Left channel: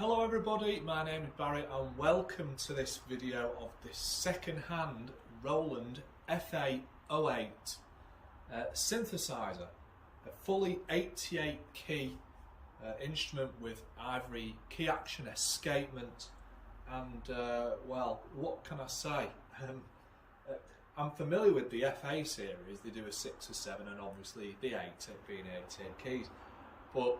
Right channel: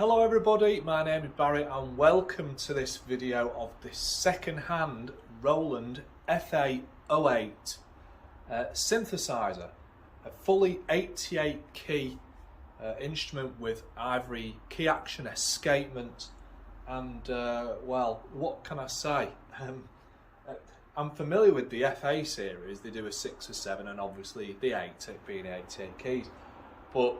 Hello everybody, my name is Barry and welcome to this video of this second-hand Roland FA08 synthesizer, a fully 88 key instrument with ivory key action, escapement, and well, what can I say? I'm familiar with the FA series. They do a 6 or 7 and obviously the 8 being 88 keys, but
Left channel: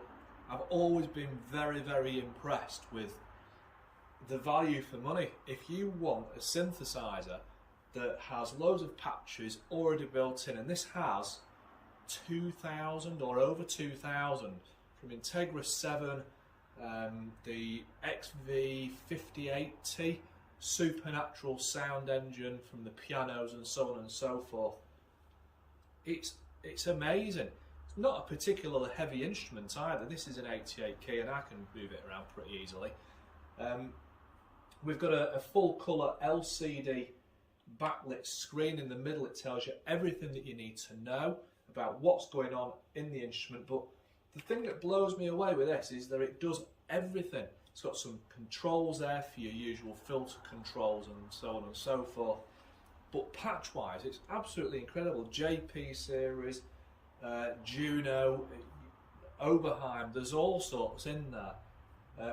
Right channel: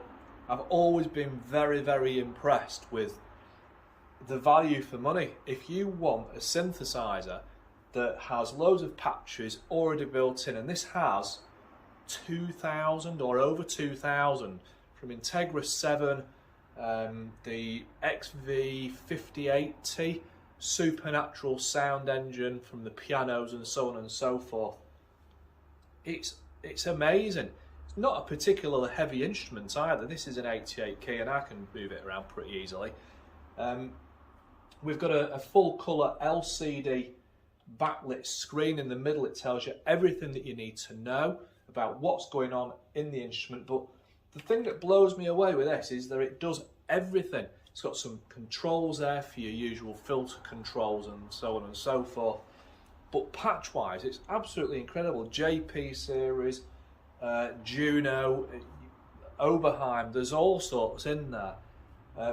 I've always been very impressed with the value for money. If you want a synthesizer that has loads of patches already built in, and this has 2,000 or over 2,000 from Integra 7, the XV58T, supernatural sound engine from the pianos and so on and so forth. It's amazing. It's not a particularly heavy instrument either. This is an 88 key and I can move it around pretty easily. We've got a full colour LCD backlit screen in the middle. It tells you everything that you need to know about what's going on in the instrument. But the thing that blows me away with this is that it does everything. It's got some controls there for your usual filter controls and so on and so forth. But patch wise, it's absolutely incredible. JP series, Juno, Oberheim, there's all sorts in there.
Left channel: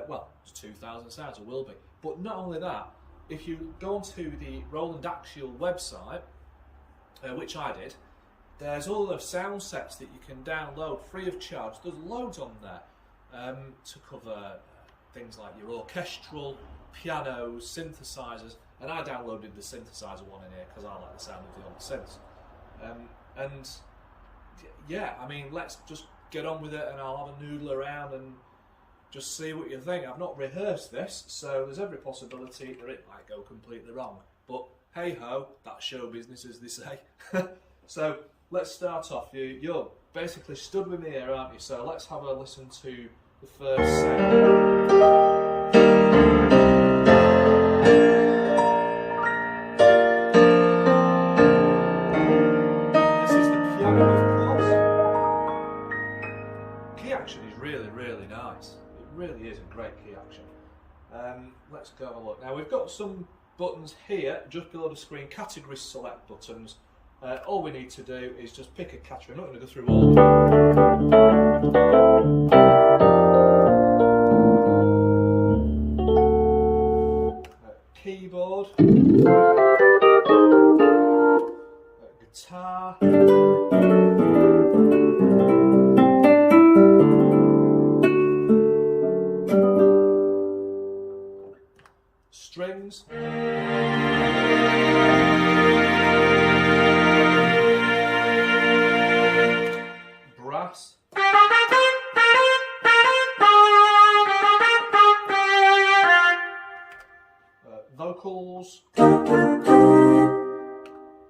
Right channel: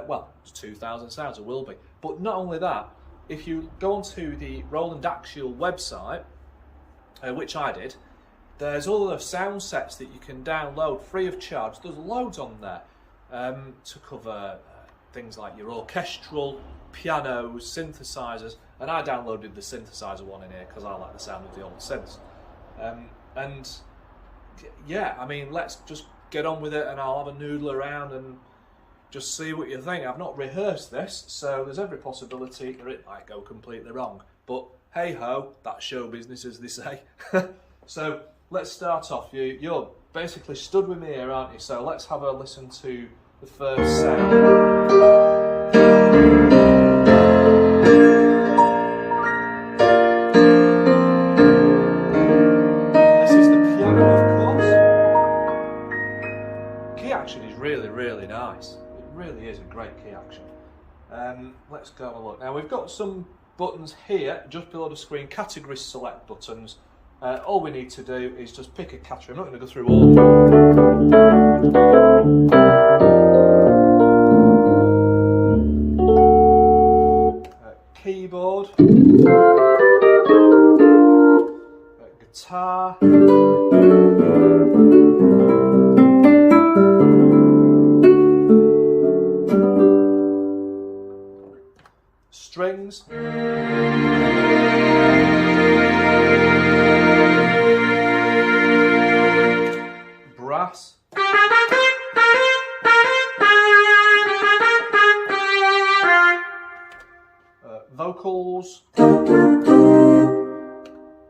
Well, it's 2,000 sounds, it will be. But not only that, if you go onto the Roland Axial website, which I did, there's all the sound sets that you can download free of charge. There's loads on there to cover things like your orchestral, pianos, synthesizers, and I downloaded the synthesizer one in here because I like the sound of the old synths. And yeah, I mean, let's just get on with it and I'll have a noodle around and just see what you think. I've not rehearsed this, so there's every possibility that it might go completely wrong. But hey ho, that's show business, as they say. So let's start off. You're basically stood with me here, aren't you? So let's have a listen to the first sound. Really nice. It really is a great key action. Let's go have a look. Now we've got some buttons here just below the screen, category select buttons. All we need to do is just pick a category. I'm not going to go through all. Keyboard, guitar, strings, brass, vocals,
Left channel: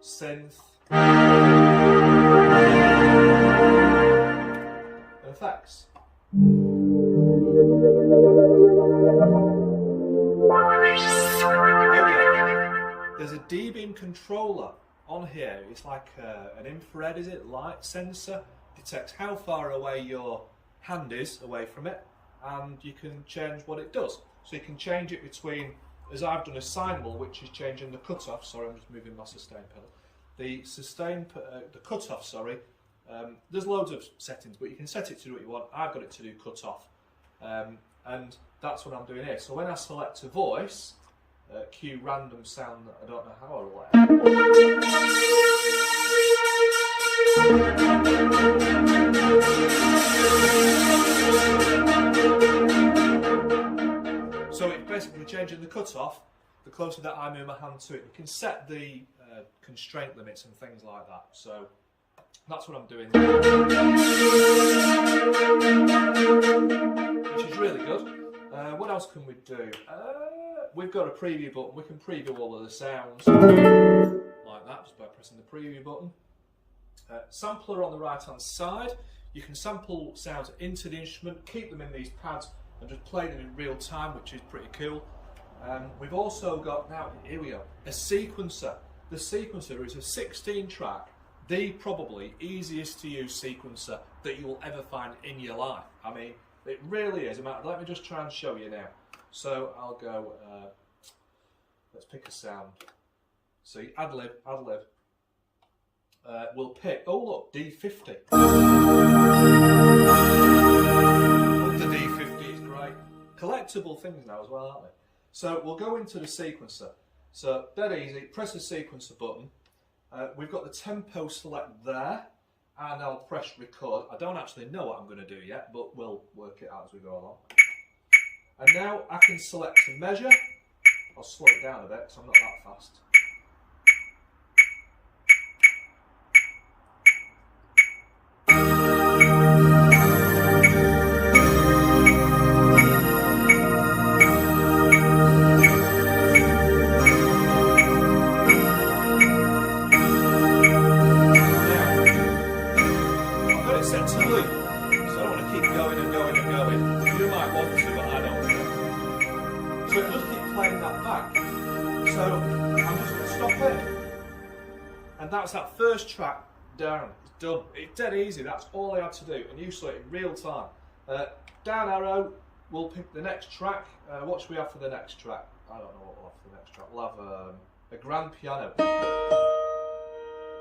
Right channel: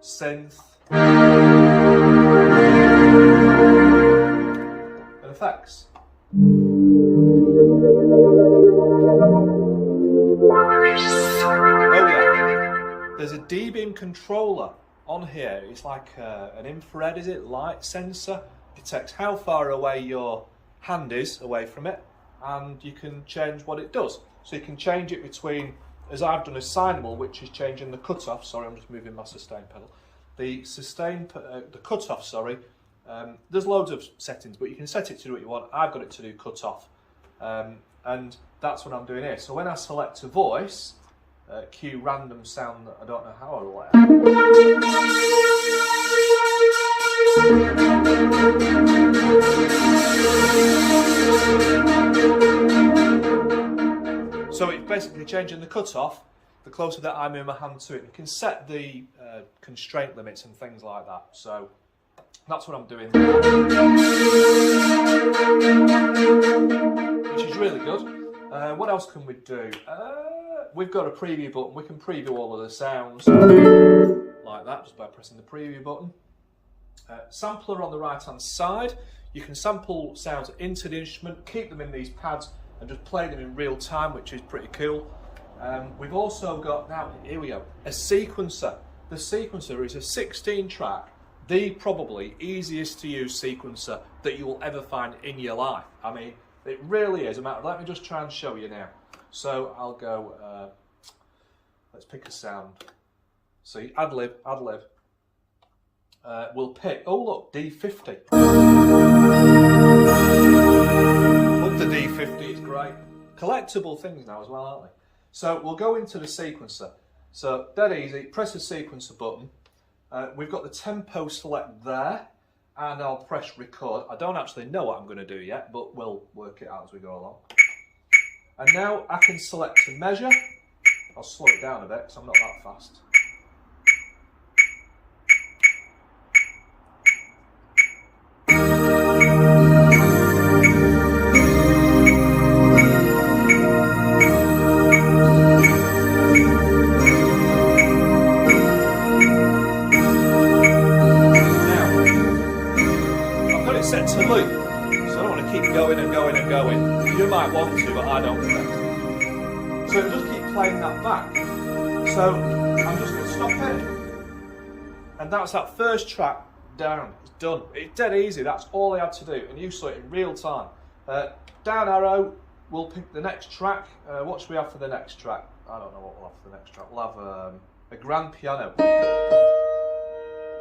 synth, and effects. There's a D-beam controller on here. It's like an infrared, is it? Light sensor. Detects how far away your hand is away from it, and you can change what it does. So you can change it between, as I've done, a sine wall, which is changing the cutoff. Sorry, I'm just moving my sustain pedal. The cutoff. Sorry. There's loads of settings, but you can set it to do what you want. I've got it to do cutoff, and that's what I'm doing here. So when I select a voice, cue random sound that I don't know how or whatever. So it's basically changing the cutoff the closer that I move my hand to it. You can set the constraint limits and things like that. So that's what I'm doing there, which is really good. What else can we do? We've got a preview button. We can preview all of the sounds like that just by pressing the preview button. Sampler on the right hand side. You can sample sounds into the instrument, keep them in these pads and just play them in real time, which is pretty cool. We've also got, now here we go, a sequencer. The sequencer is a 16 track, the probably easiest to use sequencer that you will ever find in your life. I mean, it really is a matter of, let me just try and show you now. So I'll go, let's pick a sound. See, ad lib. We'll pick, oh look, D50. Love the D50, it's great. Collectible things now as well, aren't they? So we'll go into the sequencer. So dead easy, press the sequencer button. We've got the tempo select there, and I'll press record. I don't actually know what I'm going to do yet, but we'll work it out as we go along. And now I can select to measure. I'll slow it down a bit because I'm not that fast. Set to loop, so I don't want to keep going and going and going. You might want to, but I don't think. So it'll just keep playing that back. So I'm just going to stop it. And that's that first track down. It's done. It's dead easy. That's all I had to do. And you saw it in real time. Down arrow, we'll pick the next track. What should we have for the next track? I don't know what we'll have for the next track. We'll have a grand piano.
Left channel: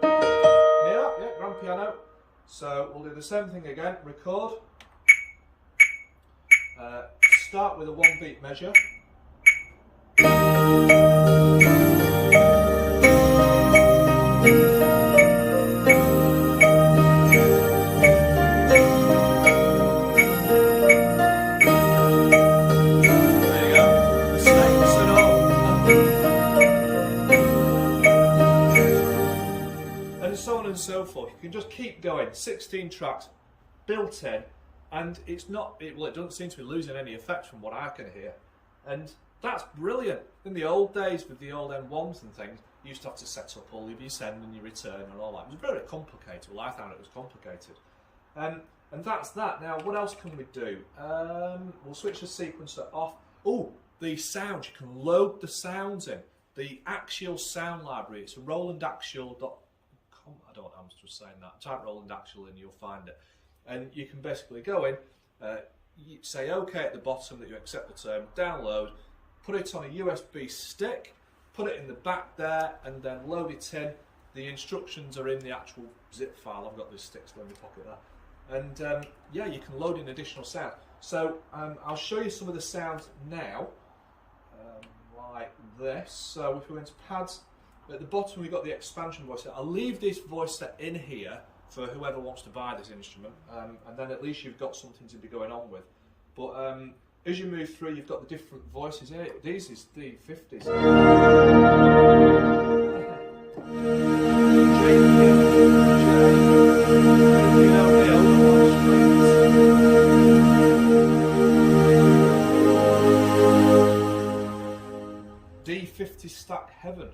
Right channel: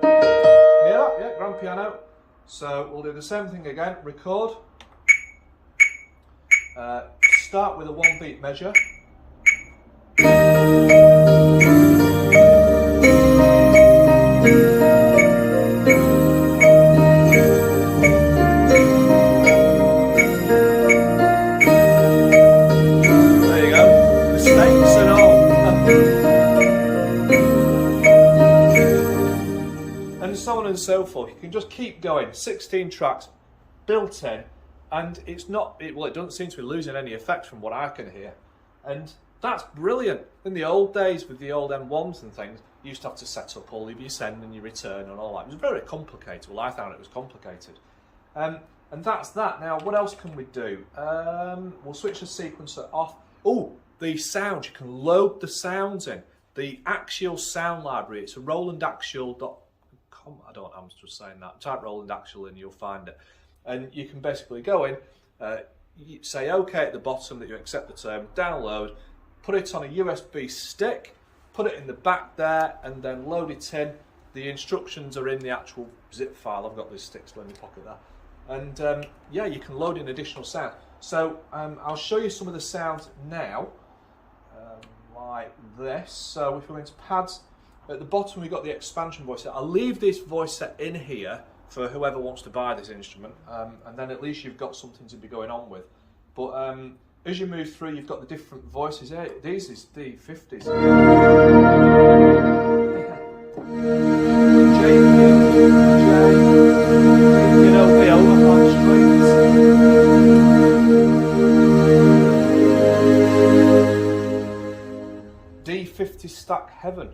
Yeah, grand piano. So we'll do the same thing again, record, start with a 1-beat measure. There you go, mistakes and all. And so on and so forth. You can just keep going. 16 tracks built in, and it's not, it doesn't seem to be losing any effects from what I can hear. And that's brilliant. In the old days with the old M1s and things, you used to have to set up all of your send and your return and all that. It was very complicated. Well, I found it was complicated. And that's that. Now, what else can we do? We'll switch the sequencer off. Oh, the sounds. You can load the sounds in. The Axial sound library. It's a Roland Axial. I'm just saying that. Type Roland Axial and you'll find it. And you can basically go in, you say OK at the bottom that you accept the term, download, put it on a USB stick, put it in the back there, and then load it in. The instructions are in the actual zip file. I've got this stick still in my pocket there. And yeah, you can load in additional sound. So I'll show you some of the sounds now, like this. So if we go into pads, at the bottom we've got the expansion voice set. I'll leave this voice set in here for whoever wants to buy this instrument, and then at least you've got something to be going on with. But as you move through, you've got the different voices here. These is the 50s. D50 stack heaven.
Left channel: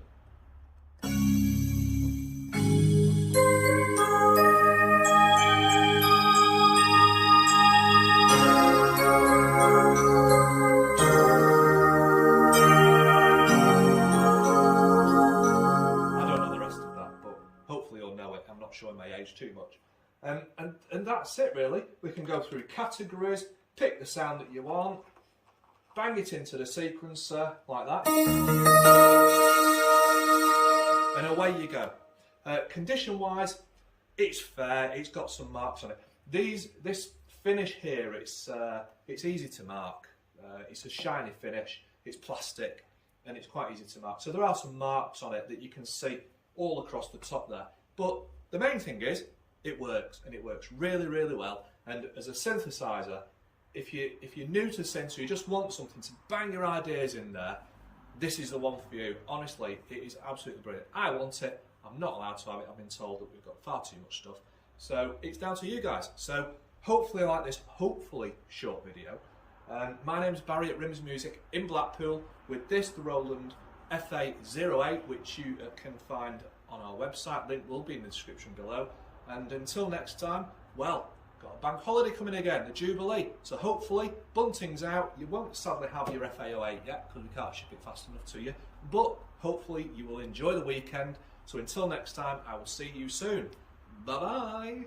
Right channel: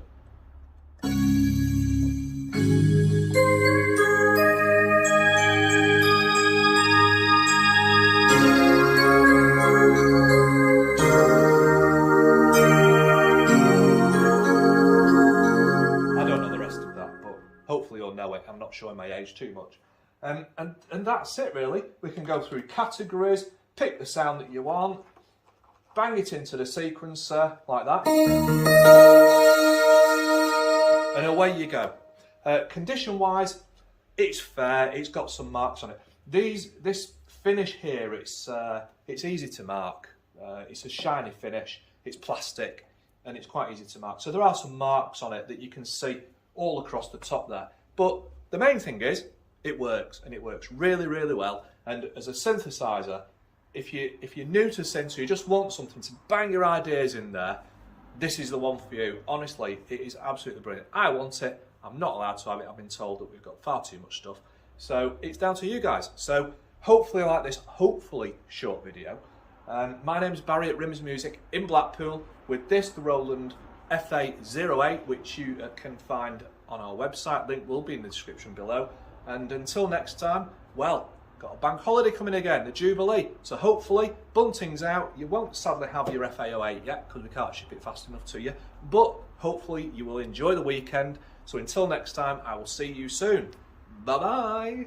Hopefully you'll know it. I'm not showing my age too much. And that's it really. We can go through categories, pick the sound that you want, bang it into the sequencer like that, and away you go. Condition wise, it's fair. It's got some marks on it. This finish here, it's easy to mark. It's a shiny finish, it's plastic, and it's quite easy to mark. So there are some marks on it that you can see all across the top there. But the main thing is, it works, and it works really, really well. And as a synthesizer, if you're new to synths, you just want something to bang your ideas in there, this is the one for you. Honestly, it is absolutely brilliant. I want it. I'm not allowed to have it. I've been told that we've got far too much stuff. So it's down to you guys. So hopefully you like this, hopefully short video. My name's Barry at Rims Music in Blackpool with this, the Roland FA08, which you can find on our website. Link will be in the description below. And until next time, well, got a bank holiday coming again, the Jubilee. So hopefully, bunting's out. You won't sadly have your FA08 yet because we can't ship it fast enough to you. But hopefully you will enjoy the weekend. So until next time, I will see you soon. Bye-bye.